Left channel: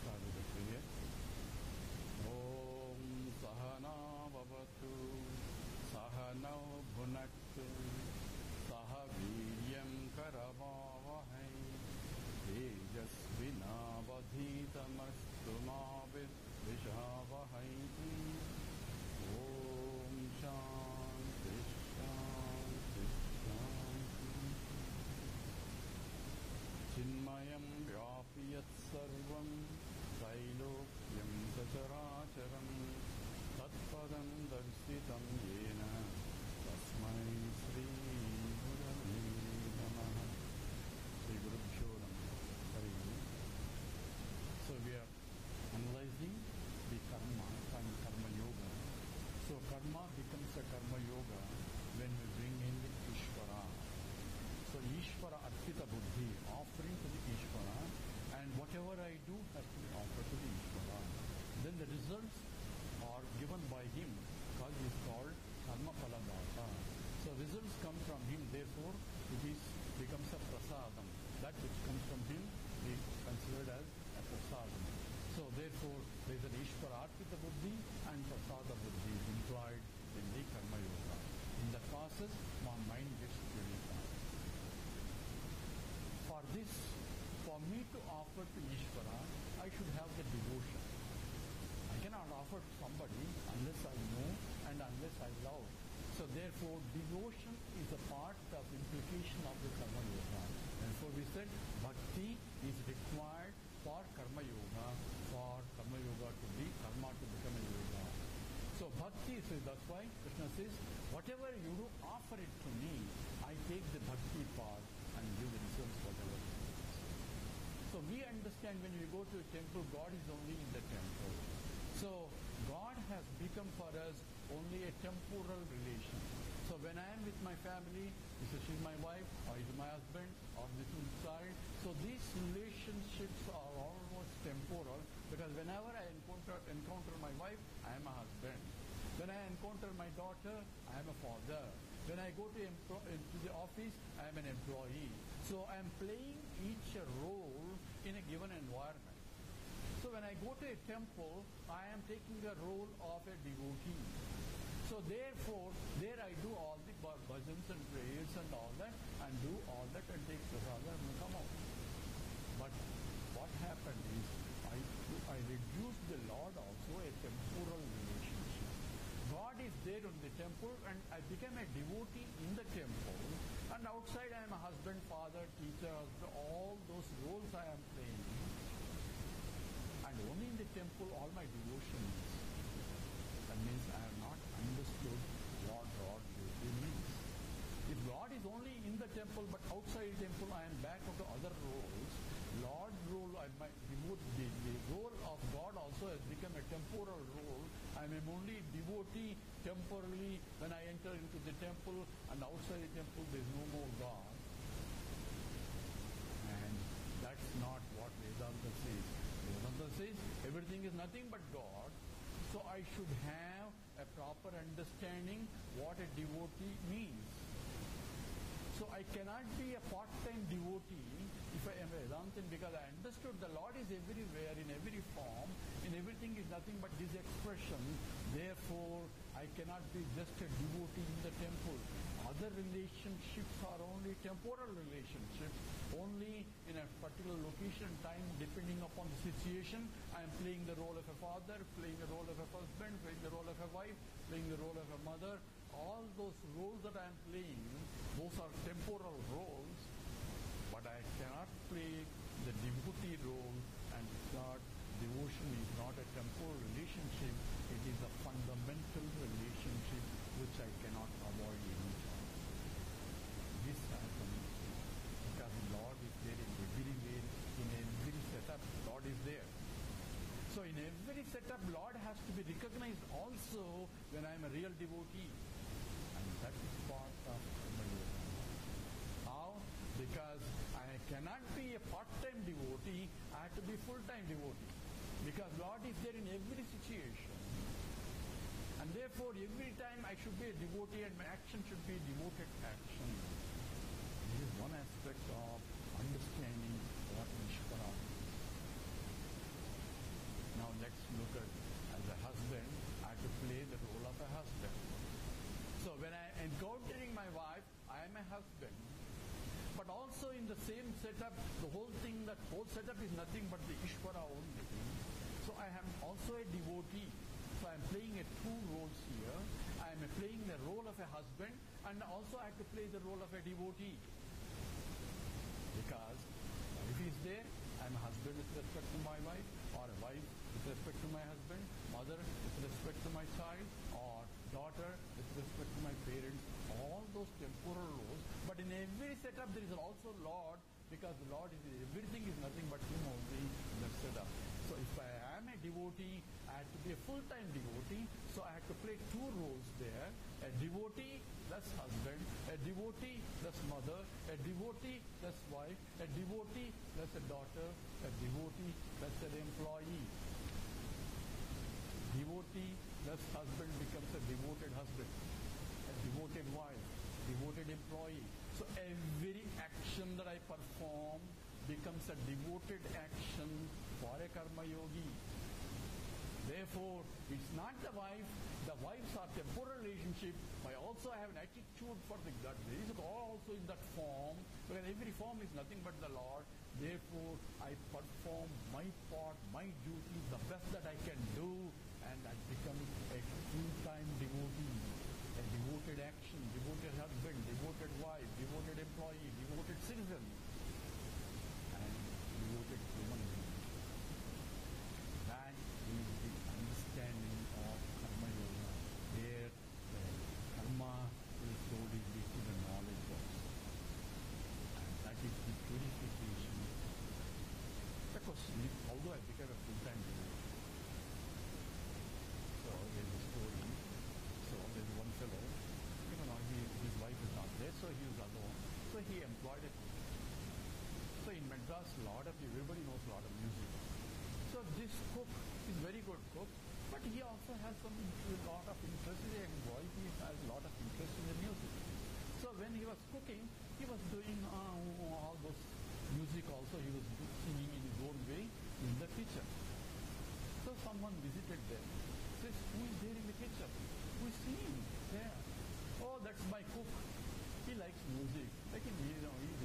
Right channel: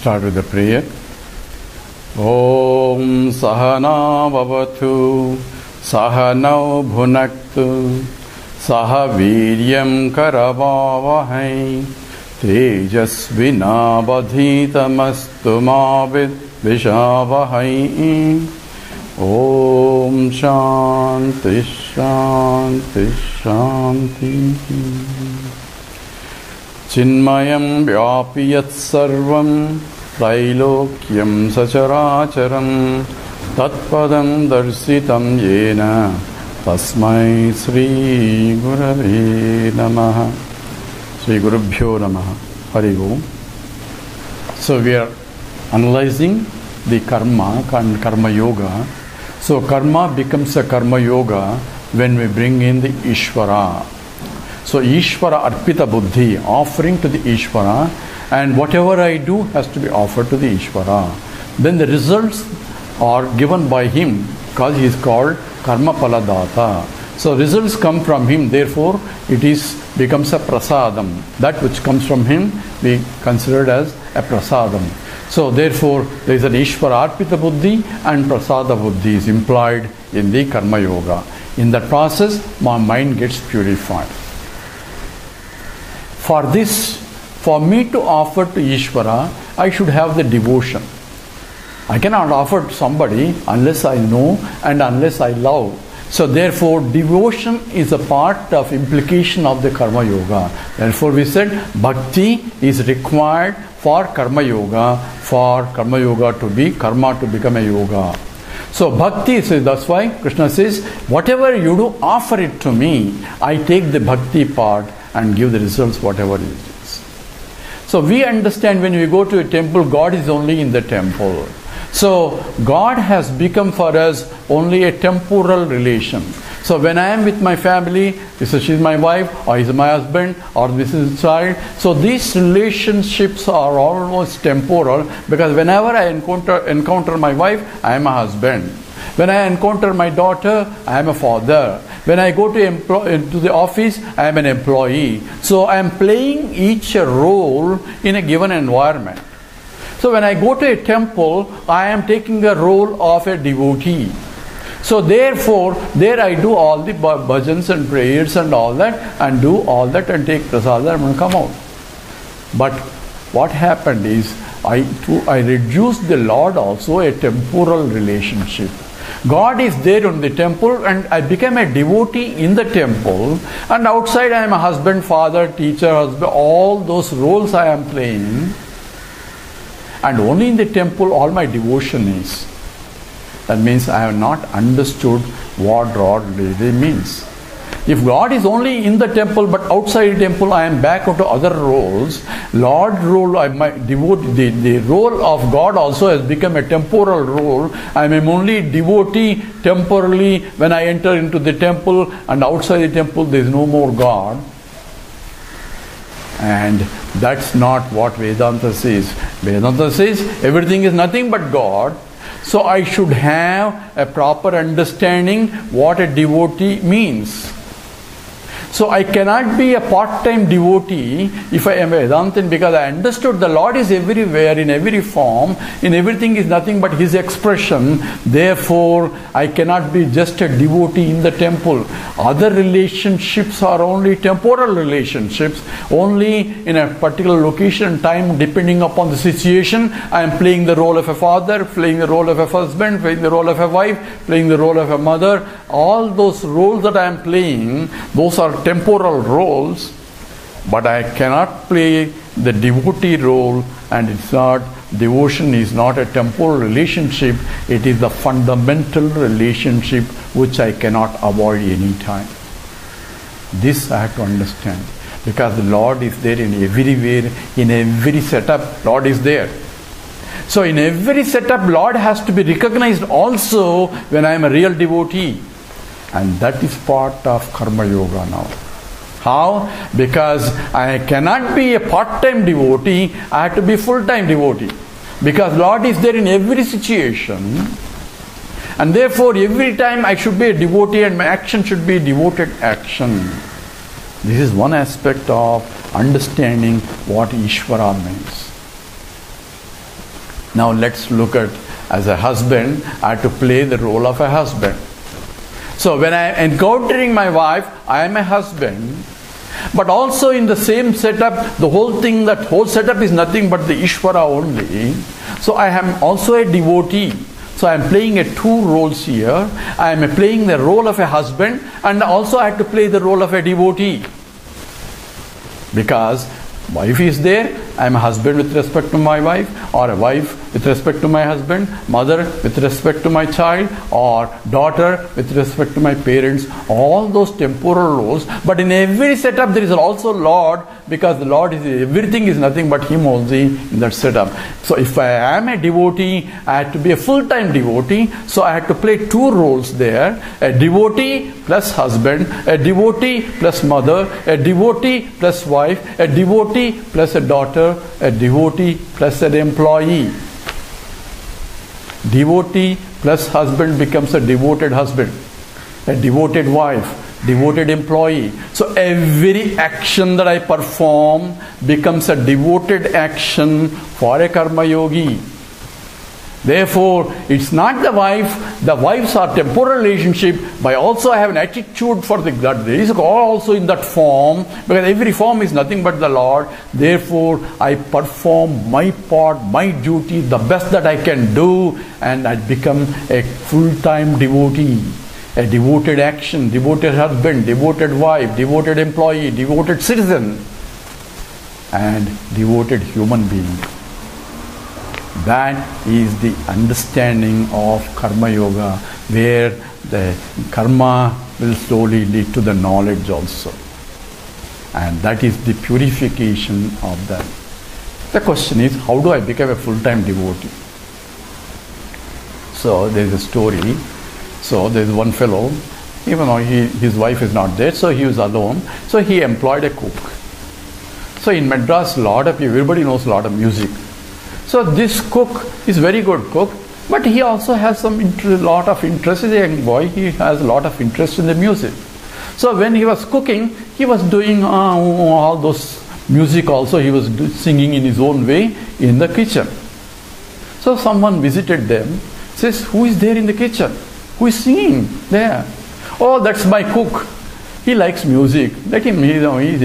Start with the prayer. Om Sahana Bhavatu Sahanau Bhunaktu Saha Viryam Karavavahai Tejasvinabadhitamastu Mavid Vishavahai. Om Shanti Shanti Shanti. Chinmayam Vyapiyat Sarvam Trailokyam Sacharacharam Tatpadam Darsitam Yena Tasmai Sri Gurave Namaha. Sri Gurubhyo Namaha. Hari Om. So we are analyzing the karma and karma yoga. So karma becomes a karma yoga when we bring in the Ishvara. So Ishvara Arpita Buddhi, offering to the Ishvara, and whatever I do has to be offered to the Ishvara. Then the results are given by him because he is called Karma Paladata. So results come from him, therefore it becomes a prasadam. That which comes from him we considered as a prasadam. So therefore there is an Ishvara Arpita Buddhi and Prasada Buddhi is implied in the Karma Yoga. In that process my mind gets purified. For this, for me to offer to Ishvara, I should have the devotion. I cannot offer to somebody unless I know and unless I love. So therefore, devotion is a part of implication of the Karma Yoga. Therefore we said Bhakti is required for Karma Yoga to be Karma to become a Yoga. So Bhakti, so that's why Krishna says, whatever you do, offer it to me. I take the Bhakti part and give the results whatever it is. So we understand when we go to a temple, God is only in the temple. So God has become for us only a temporal relation. So when I am with my family, she is my wife, or he is my husband, or this is his child. So these relationships are almost temporal, because whenever I encounter my wife, I am a husband. When I encounter my daughter, I am a father. When I go to the office, I am an employee. So I am playing each role in a given environment. So when I go to a temple, I am taking the role of a devotee. So therefore, there I do all the bhajans and prayers and all that, and do all that and take prasadam and come out. But what happened is, I reduced the Lord also a temporal relationship. God is there in the temple and I became a devotee in the temple, and outside I am a husband, father, teacher, husband, all those roles I am playing, and only in the temple all my devotion is. That means I have not understood what God really means. If God is only in the temple but outside the temple I am back into other roles, Lord role, the role of God also has become a temporal role. I am only devotee temporarily when I enter into the temple, and outside the temple there is no more God. And that's not what Vedanta says. Vedanta says everything is nothing but God. So I should have a proper understanding what a devotee means. So I cannot be a part-time devotee if I am a Vedantin, because I understood the Lord is everywhere, in every form, in everything is nothing but His expression. Therefore, I cannot be just a devotee in the temple. Other relationships are only temporal relationships. Only in a particular location and time, depending upon the situation, I am playing the role of a father, playing the role of a husband, playing the role of a wife, playing the role of a mother. All those roles that I am playing, those are temporal roles, but I cannot play the devotee role, and it's not, devotion is not a temporal relationship, it is the fundamental relationship which I cannot avoid any time. This I have to understand, because the Lord is there in everywhere, in every setup, Lord is there. So in every setup, Lord has to be recognized also when I am a real devotee. And that is part of Karma Yoga now. How? Because I cannot be a part-time devotee, I have to be full-time devotee. Because Lord is there in every situation. And therefore, every time I should be a devotee and my action should be devoted action. This is one aspect of understanding what Ishvara means. Now let's look at, as a husband, I have to play the role of a husband. So when I am encountering my wife, I am a husband. But also in the same setup, the whole setup is nothing but the Ishvara only. So I am also a devotee. So I am playing two roles here. I am playing the role of a husband, and also I have to play the role of a devotee. Because wife is there, I am a husband with respect to my wife, or a wife with respect to my husband, mother with respect to my child, or daughter with respect to my parents, all those temporal roles. But in every setup there is also Lord, because the Lord is, everything is nothing but Him only in that setup. So if I am a devotee, I have to be a full-time devotee, so I have to play two roles there: a devotee plus husband, a devotee plus mother, a devotee plus wife, a devotee plus a daughter, a devotee plus an employee. Devotee plus husband becomes a devoted husband, a devoted wife, devoted employee. So every action that I perform becomes a devoted action for a karma yogi. Therefore, it's not the wife. The wives are temporal relationship, but also I have an attitude for the God. There is also in that form, because every form is nothing but the Lord. Therefore, I perform my part, my duty, the best that I can do, and I become a full-time devotee. A devoted action, devoted husband, devoted wife, devoted employee, devoted citizen, and devoted human being. That is the understanding of Karma Yoga, where the karma will slowly lead to the knowledge also. And that is the purification of that. The question is, how do I become a full-time devotee? So there is a story. So there is one fellow, even though his wife is not there, so he was alone. So he employed a cook. So in Madras, everybody knows a lot of music. So this cook is very good cook, but he also has lot of interest. He's a young boy, he has a lot of interest in the music. So when he was cooking, he was doing all those music also. He was singing in his own way in the kitchen. So someone visited them, says, "Who is there in the kitchen? Who is singing there?" "Oh, that's my cook. He likes music. Let him, he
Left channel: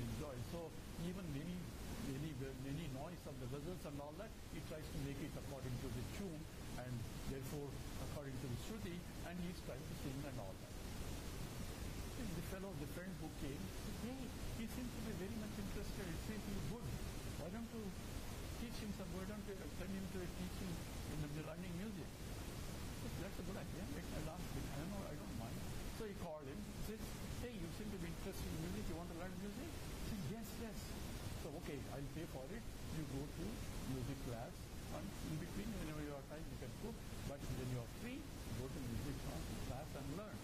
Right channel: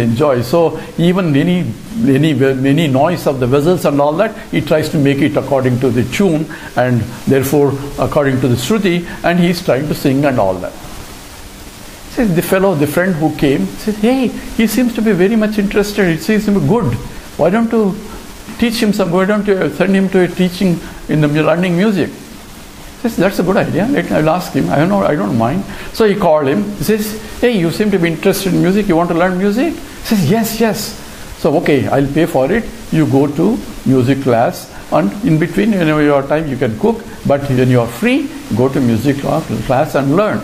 enjoys." So even any noise of the vessels and all that, he tries to make it according to the tune, and therefore according to the Shruti, and he is trying to sing and all that. Says the friend who came, says, "Hey, he seems to be very much interested. It seems to be good. Why don't you teach him some? Why don't you send him to a teaching in the learning music?" Says, "That's a good idea. I'll ask him. I don't mind." So he called him. He says, "Hey, you seem to be interested in music. You want to learn music?" He says, "Yes. So okay, I'll pay for it. You go to music class, and in between, your time you can cook. But when you are free, go to music class and learn."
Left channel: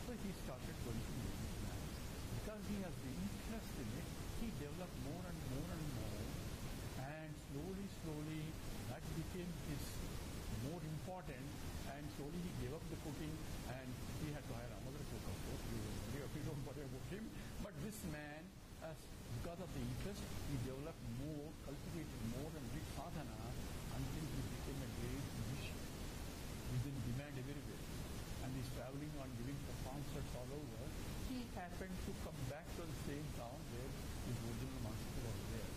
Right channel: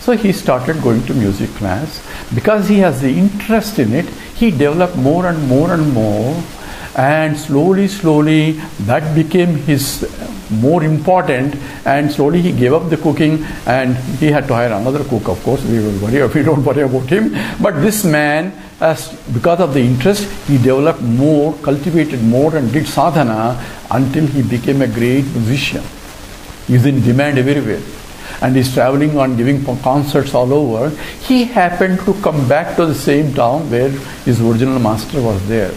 So he started going to music class. Because he has the interest in it, he developed more and more and more. And slowly, that became his more important, and slowly he gave up the cooking, and he had to hire another cook. Of course, we don't worry about him. But this man, because of the interest, he developed more, cultivated more, and did sadhana until he became a great musician. He's in demand everywhere, and he's traveling and giving concerts all over. He happened to come back to the same town where his original master was there.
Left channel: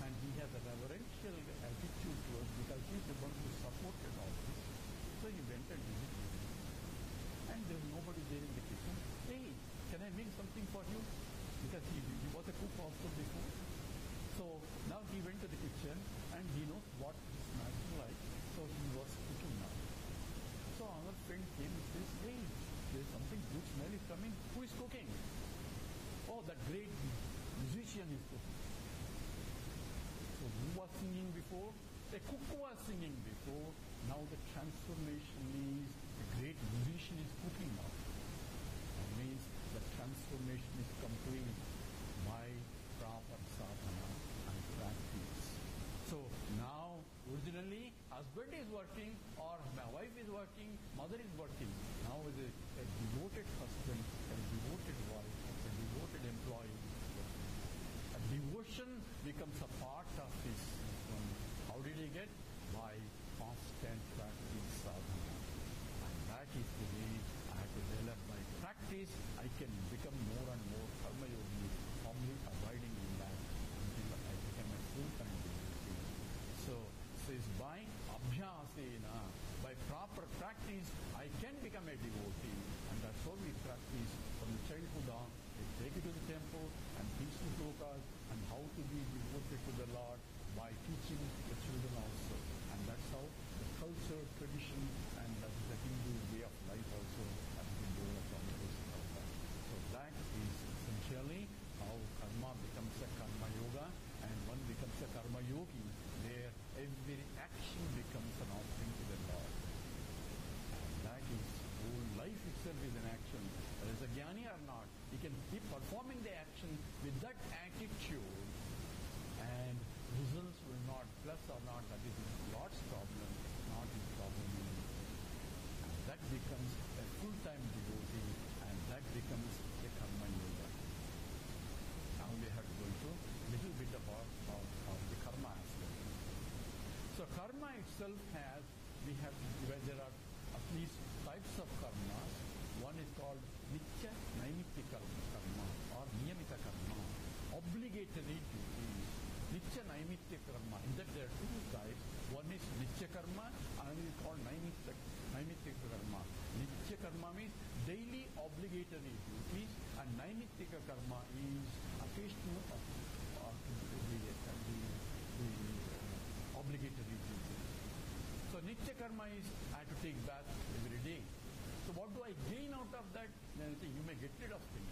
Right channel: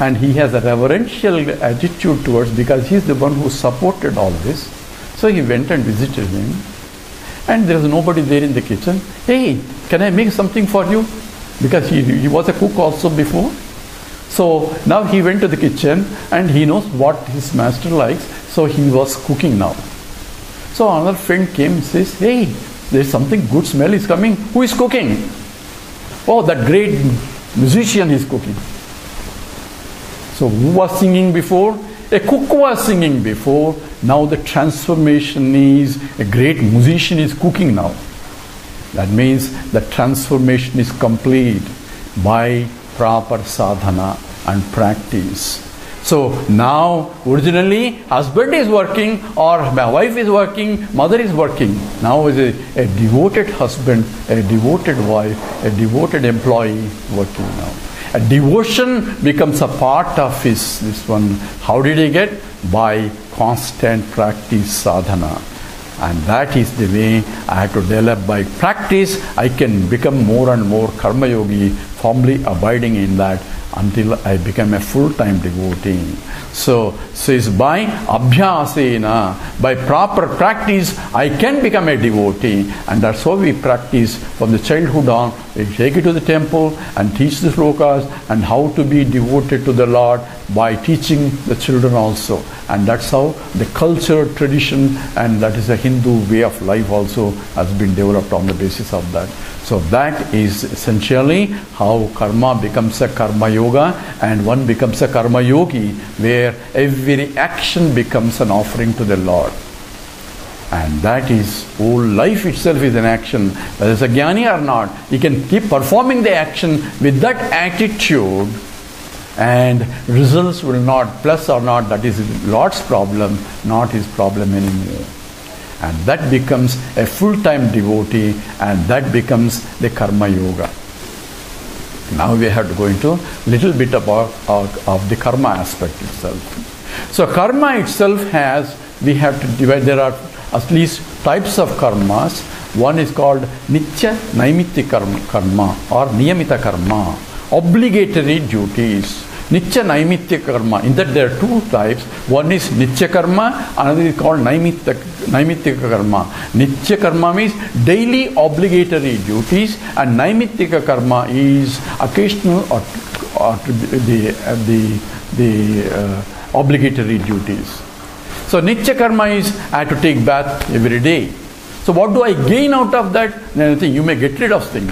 And he has a reverential attitude towards, because he's the one who supported all this. So he went and visited him, and there was nobody there in the kitchen. "Hey, can I make something for you?" Because he was a cook also before. So now he went to the kitchen, and he knows what his master likes, so he was cooking now. So another friend came and says, "Hey, there's something good smell is coming. Who is cooking?" "Oh, that great musician is cooking." So who was singing before? A cook was singing before. Now the transformation is a great musician is cooking now. That means the transformation is complete by proper sadhana and practice. So now, originally, husband is working, or my wife is working, mother is working. Now is a devoted husband, a devoted wife, a devoted employee working now. a devotion becomes a part of this one. How did he get? By constant practice, sadhana. And that is the way I have to develop. By practice, I can become more and more karma yogi, firmly abiding in that until I become a full-time devotee. So it's by abhyasena, by proper practice, I can become a devotee. And that's how we practice from the childhood on. We take it to the temple and teach the slokas and how to be devoted to the Lord by teaching the children also. And that's how the culture, tradition, and that is a Hindu way of life also has been developed on the basis of that. So that is essentially how karma becomes a karma yoga, and one becomes a karma yogi, where every action becomes an offering to the Lord. And that is, whole life itself is an action. Whether it's a jnani or not, he can keep performing the action with that attitude, and results will not, plus or not, that is Lord's problem, not his problem anymore. And that becomes a full-time devotee, and that becomes the karma yoga. Now we have to go into a little bit about of the karma aspect itself. So karma itself has, we have to divide, there are at least types of karmas. One is called nitya naimitti karma or niyamita karma, obligatory duties. Nitya naimitya karma, in that there are two types. One is nitya karma, another is called naimitya karma. Nitya karma means daily obligatory duties, and naimitya karma is occasional or the obligatory duties. So nitya karma is I have to take bath every day. So what do I gain out of that? Anything. You may get rid of things.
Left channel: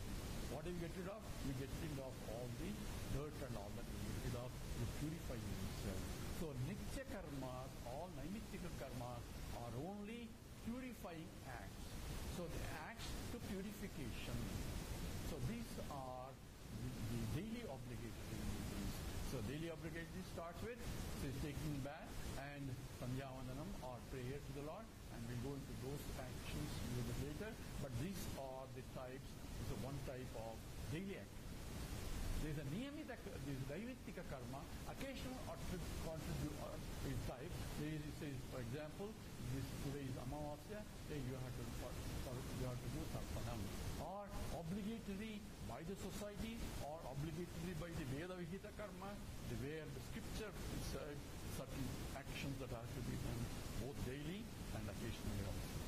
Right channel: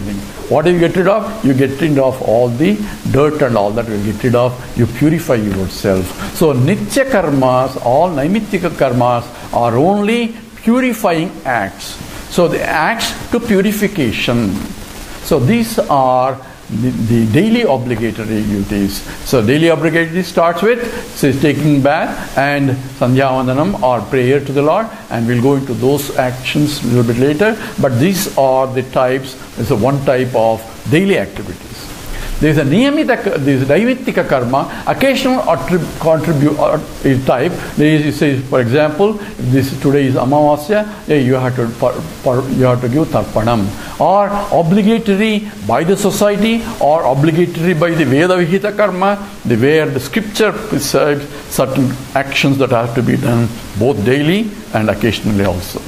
What do you get rid of? You get rid of all the dirt and all that you get rid of. You purify yourself. So nitya karmas, all naimittika karmas are only purifying acts. So the acts to purification. So these are the daily obligatory duties. So daily obligatory starts with taking bath and sandhya vandanam or prayer to the Lord, and we'll go into those actions a little bit later. But these are the types. There's a one type of daily activities. There is a naimittika karma, occasional contribute type. There is, say, for example, this today is Amavasya, you have to give tarpanam, or obligatory by the society, or obligatory by the Veda Vihita karma, where the scripture prescribes certain actions that have to be done both daily and occasionally also.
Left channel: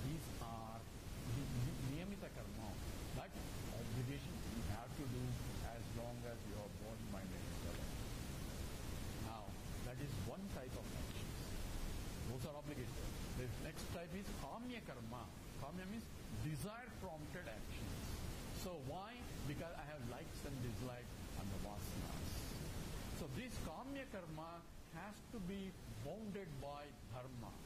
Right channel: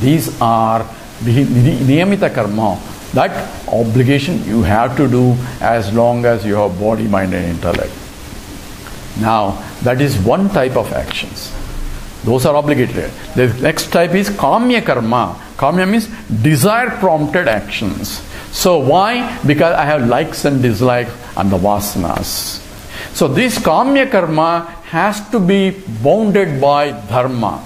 These are the niyamita karma. That obligation you have to do as long as you have body, mind and intellect. Now, that is one type of actions. Those are obligatory. The next type is kamya karma. Kamya means desire prompted actions. So why? Because I have likes and dislikes and the vasanas. So this kamya karma has to be bounded by dharma.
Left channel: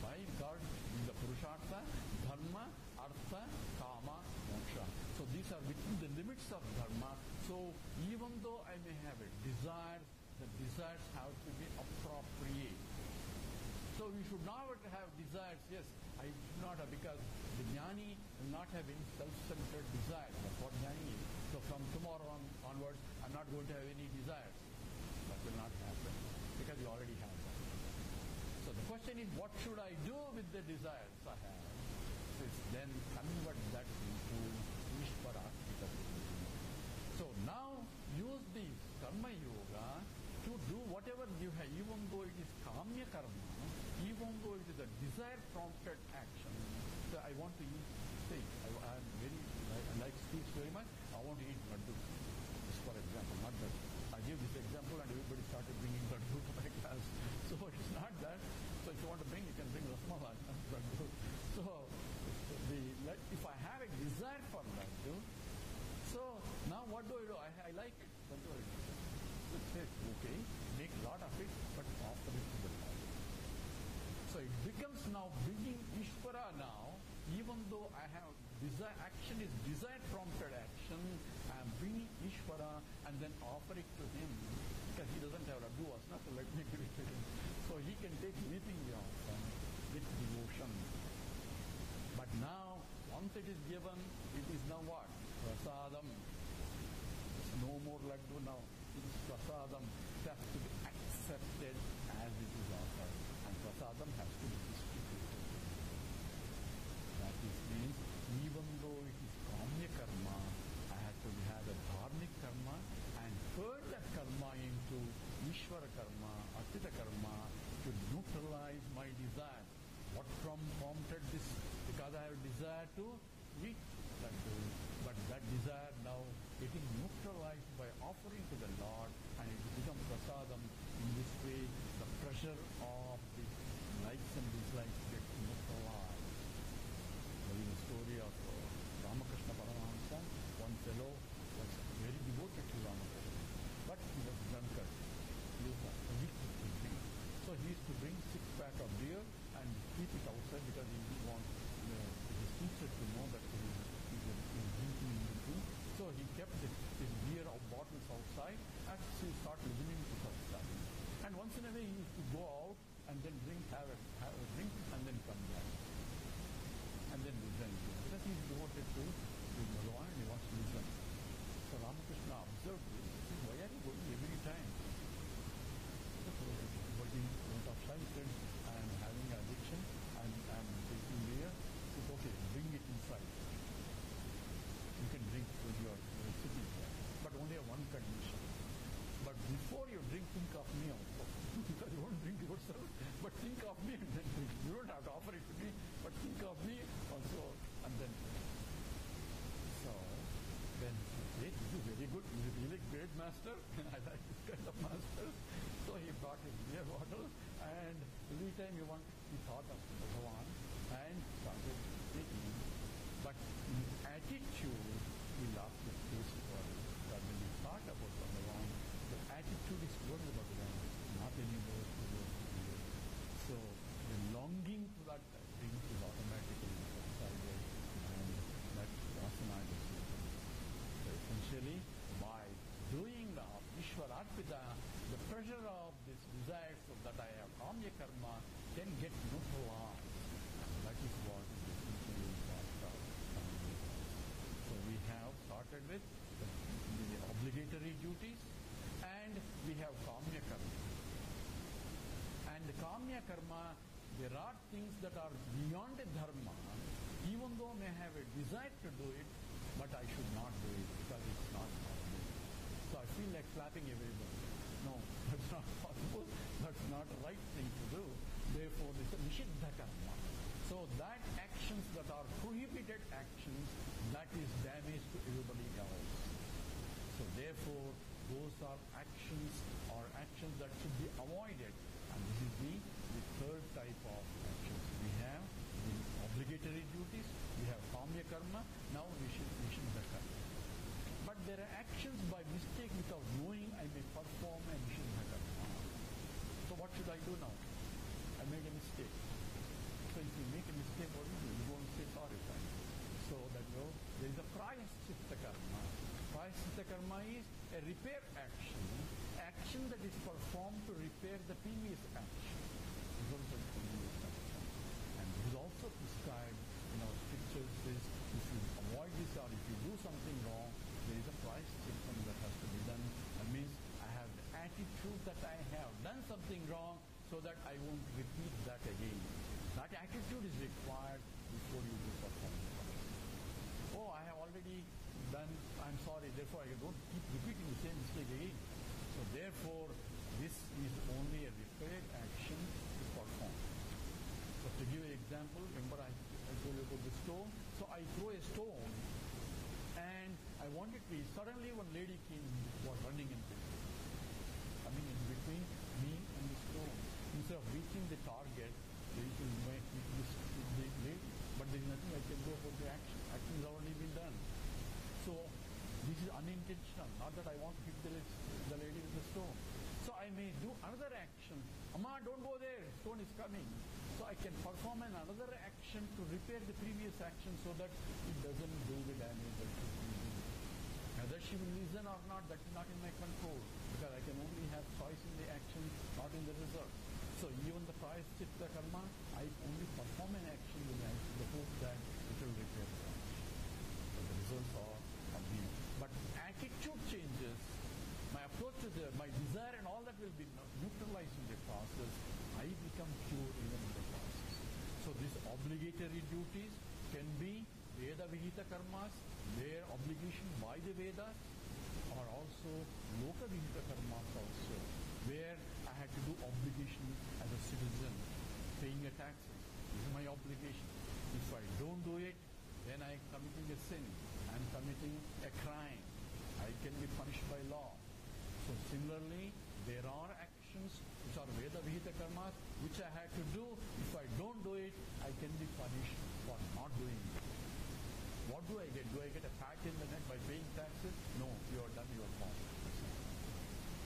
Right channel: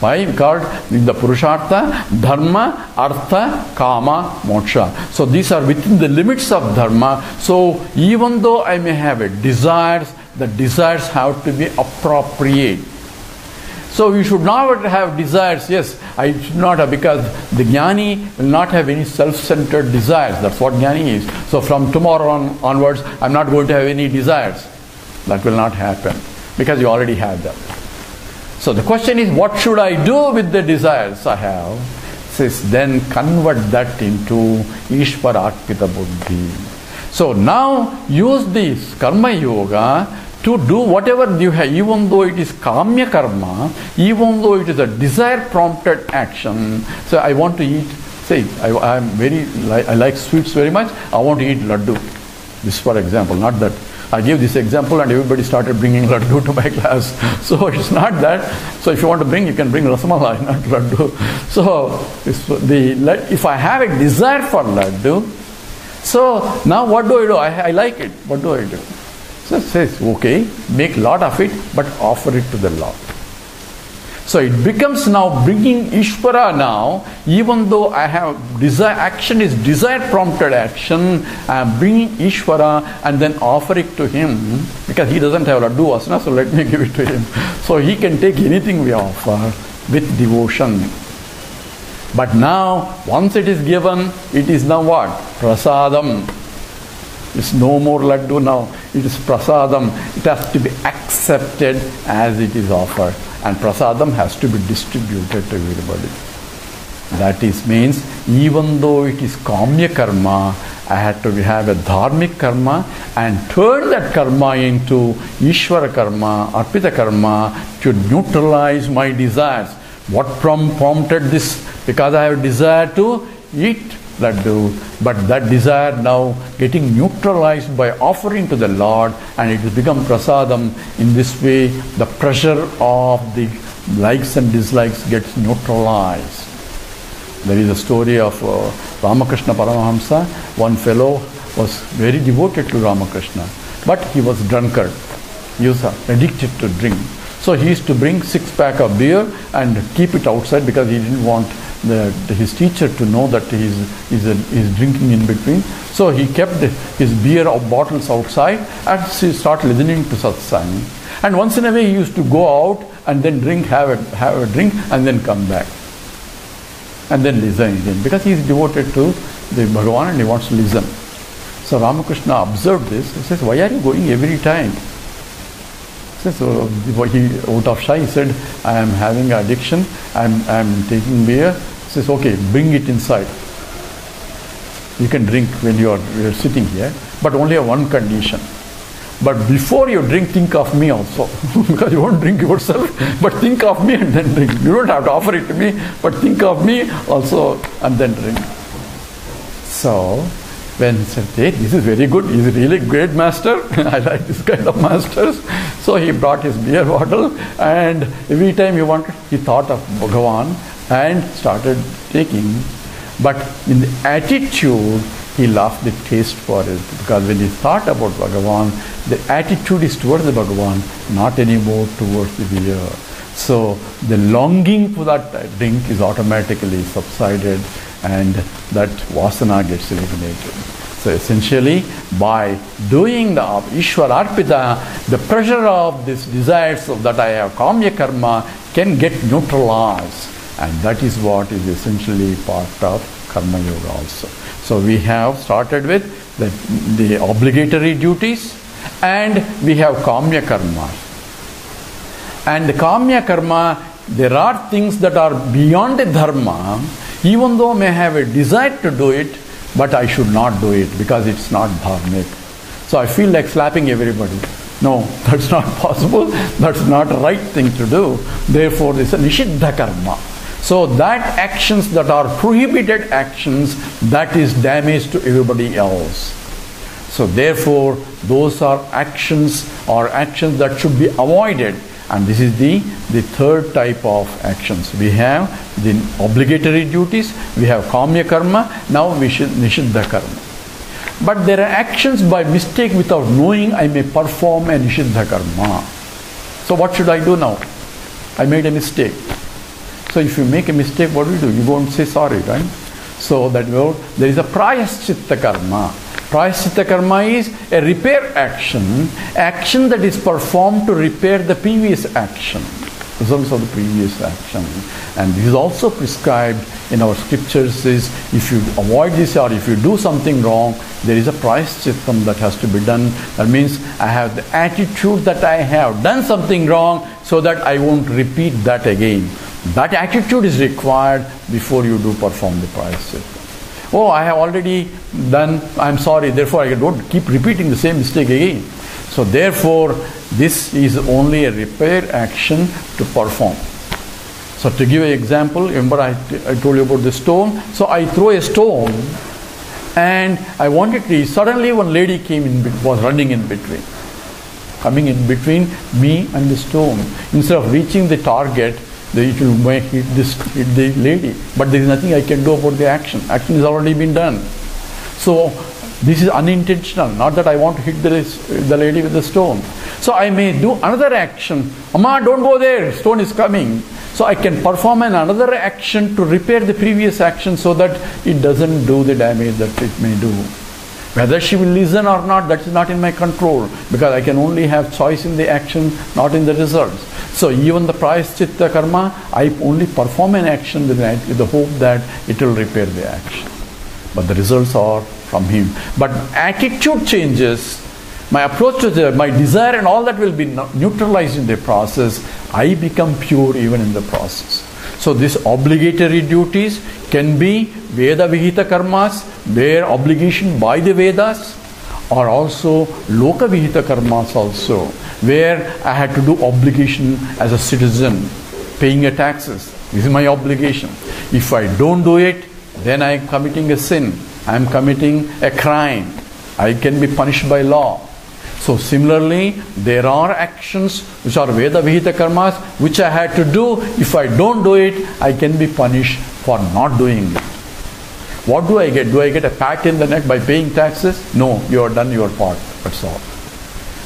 Why? Because the Purushartha, Dharma, Artha, Kama, Moksha. So these are within the limits of Dharma. So even though I may have a desires, the desires have to be appropriate. So you should not have desires. Yes, I should not have, because the jnani will not have any self-centered desires. That's what jnani is. So from tomorrow onwards, I'm not going to have any desires. That will not happen, because you already have them. So the question is, what should I do with the desires I have? Says, then convert that into Ishvara Arpita Buddhi. So now use this karma yoga to do whatever you have, even though it is kamya karma, even though it is a desire prompted action. So I want to eat, say, I like sweets very much, I want to eat laddu. This for example, not that. I gave this example and everybody started bringing laddu to my class. So it's not that. So if you want to bring, you can bring rasamalai, not laddu. So if I have a desire for laddu, so now what do? I like it. What do? So it says, okay, make a lot of it, but offer it to the Lord. So it becomes now bringing Ishvara now, even though I have desire, action is desire prompted action, I am bringing Ishvara and then offer it to him, because he doesn't have laddu vasana, so let me give it to him. So he can take anything we offer with devotion. But now, once it is given, it is now what? Prasadam. It's no more laddu now. It is prasadam. It has to be accepted as it is offered. And prasadam has to be distributed to everybody. That is means, even though it is kamya karma, I had to have a dharmic karma and turn that karma into Ishvara karma, Arpita karma, to neutralize my desires. What prompted this? Because I have desire to eat laddu, but that desire now getting neutralized by offering to the Lord, and it has become prasadam. In this way, the pressure of the likes and dislikes gets neutralized. There is a story of Ramakrishna Paramahamsa. One fellow was very devoted to Ramakrishna, but he was drunkard. He was addicted to drink. So he used to bring 6-pack of beer and keep it outside because he didn't want his teacher to know that he's drinking in between. So he kept his beer bottles outside and he started listening to satsang. And once in a way he used to go out and then have a drink and then come back. And then listen again, because he is devoted to the Bhagavan and he wants to listen. So Ramakrishna observed this. He says, "Why are you going every time?" He says, out of shy, he said, "I am having addiction. I am taking beer." He says, "Okay, bring it inside. You can drink when you are sitting here, but only on one condition. But before you drink, think of me also." Because you won't drink yourself, but think of me and then drink. You don't have to offer it to me, but think of me also and then drink. So, when he said, "Hey, this is very good, he's a really great master, I like this kind of masters." So he brought his beer bottle, and every time he thought of Bhagavan and started taking. But in the attitude, he lost the taste for it, because when he thought about Bhagavan, the attitude is towards the Bhagavan, not anymore towards the beer. So the longing for that drink is automatically subsided, and that vasana gets eliminated. So essentially, by doing the Ishvara Arpita, the pressure of these desires that I have, kamya karma, can get neutralized. And that is what is essentially part of Karma Yoga also. So we have started with the obligatory duties, and we have kamya karma. And the kamya karma, there are things that are beyond the dharma, even though I may have a desire to do it, but I should not do it because it's not dharmic. So I feel like slapping everybody. No, that's not possible. That's not the right thing to do. Therefore, this is a nishiddha karma. So that actions that are prohibited actions, that is damage to everybody else. So therefore, those are actions that should be avoided. And this is the third type of actions. We have the obligatory duties, we have kamya karma, now we should nishiddha karma. But there are actions by mistake without knowing I may perform a nishiddha karma. So what should I do now? I made a mistake. So if you make a mistake, what do? You go and say sorry, right? So that there is a prayaschitta karma. Prayaschitta karma is a repair action that is performed to repair the previous action, results of the previous action. And this is also prescribed in our scriptures, is if you avoid this or if you do something wrong, there is a prayaschitta that has to be done. That means I have the attitude that I have done something wrong so that I won't repeat that again. That attitude is required before you do perform the prayaschitta. Oh, I have already done, I'm sorry, therefore I don't keep repeating the same mistake again. So therefore, this is only a repair action to perform. So to give an example, remember I told you about the stone. So I throw a stone and I wanted to, suddenly one lady came in, was running in between, coming in between me and the stone. Instead of reaching the target, it will hit the lady. But there is nothing I can do about the action. Action has already been done. So this is unintentional, not that I want to hit the lady with the stone. So I may do another action. Amma, don't go there, stone is coming. So I can perform another action to repair the previous action so that it doesn't do the damage that it may do. Whether she will listen or not, that is not in my control, because I can only have choice in the action, not in the results. So even the prayaschitta karma, I only perform an action with the hope that it will repair the action. But the results are from him. But attitude changes, my approach to my desire and all that will be neutralized in the process. I become pure even in the process. So these obligatory duties can be Veda Vihita karmas, where obligation by the Vedas, or also Loka Vihita karmas also, where I had to do obligation as a citizen, paying a taxes. This is my obligation. If I don't do it, then I am committing a sin. I am committing a crime. I can be punished by law. So similarly, there are actions which are Veda Vihita karmas which I had to do. If I don't do it, I can be punished for not doing it. What do I get? Do I get a pat in the neck by paying taxes? No, you have done your part. That's all.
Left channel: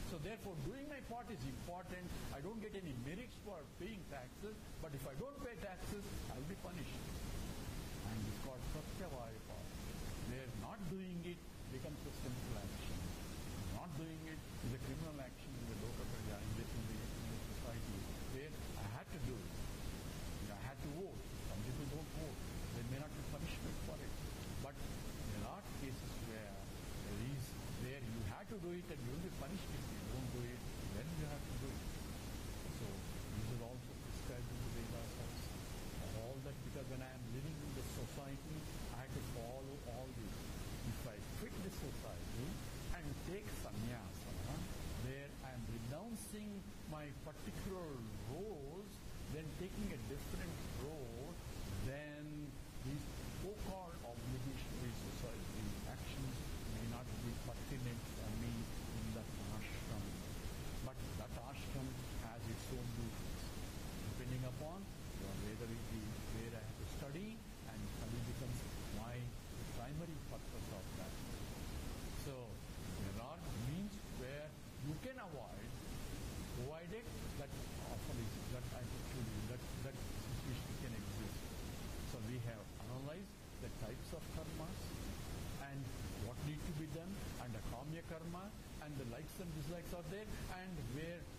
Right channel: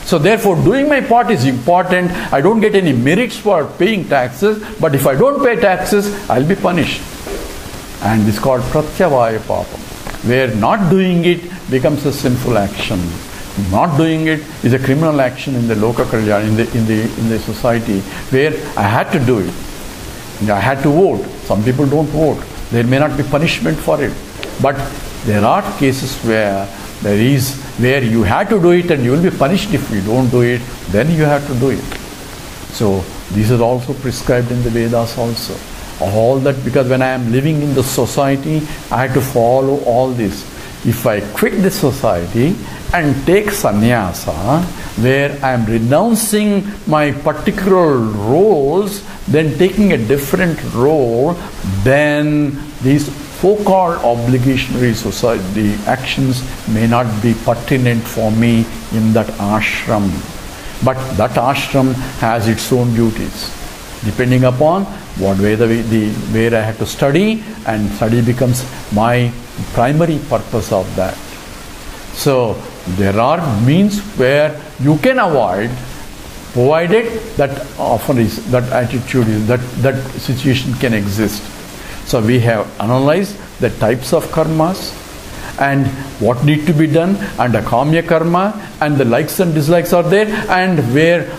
So therefore, doing my part is important. I don't get any merits for paying taxes, but if I don't pay taxes, I'll be punished. And this is called Pratyavaya Papam, where not doing it becomes a sinful action. Not doing it is a criminal action in the Loka Kalyana, in the society, where I had to do it. I had to vote. Some people don't vote. There may not be punishment for it. But there are cases where you have to do it and you will be punished if you don't do it, then you have to do it. So this is also prescribed in the Vedas also. All that, because when I am living in the society, I have to follow all this. If I quit the society and take sannyasa, where I am renouncing my particular roles, then taking a different role, then these so-called obligationary society actions may not be pertinent for me in that ashram. But that ashram has its own duties, depending upon what where I have to study, and study becomes my primary purpose of that. So there are means where you can avoid, provided that often is that attitude is that situation can exist. So we have analyzed the types of karmas and what need to be done, and the kamya karma, and the likes and dislikes are there, and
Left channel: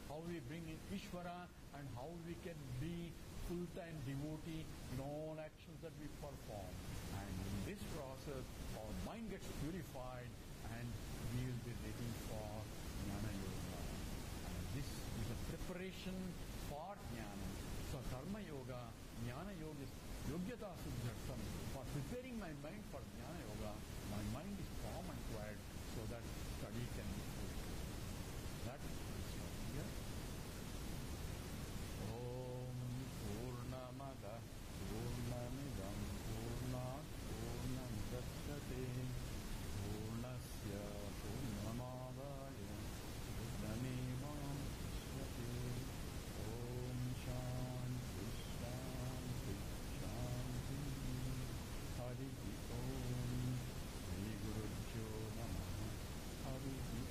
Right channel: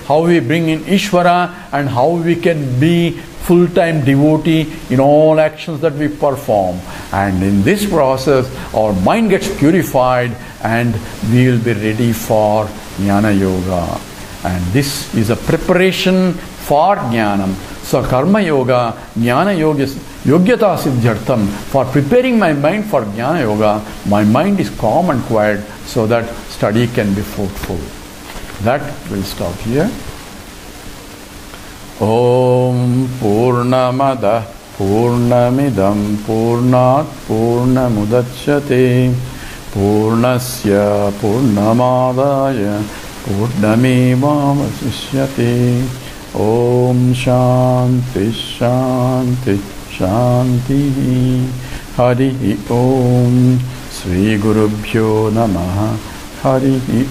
how we bring in Ishvara, and how we can be full-time devotee in all actions that we perform. And in this process, our mind gets purified and we will be ready for Jnana Yoga. And this is a preparation for Jnanam. So Karma Yoga, Jnana Yoga is Yogyata Siddhyartham. For preparing my mind for Jnana Yoga, my mind is calm and quiet so that study can be fruitful. That will stop here. Om Purnamada Purnamidam Purnat Purnamudachyate Purnasya Purnamadaya Purnamevavasishyate. Om Shanti Shanti Shanti. Hari Om. Sri Gurubhyo Namaha. Hari Om.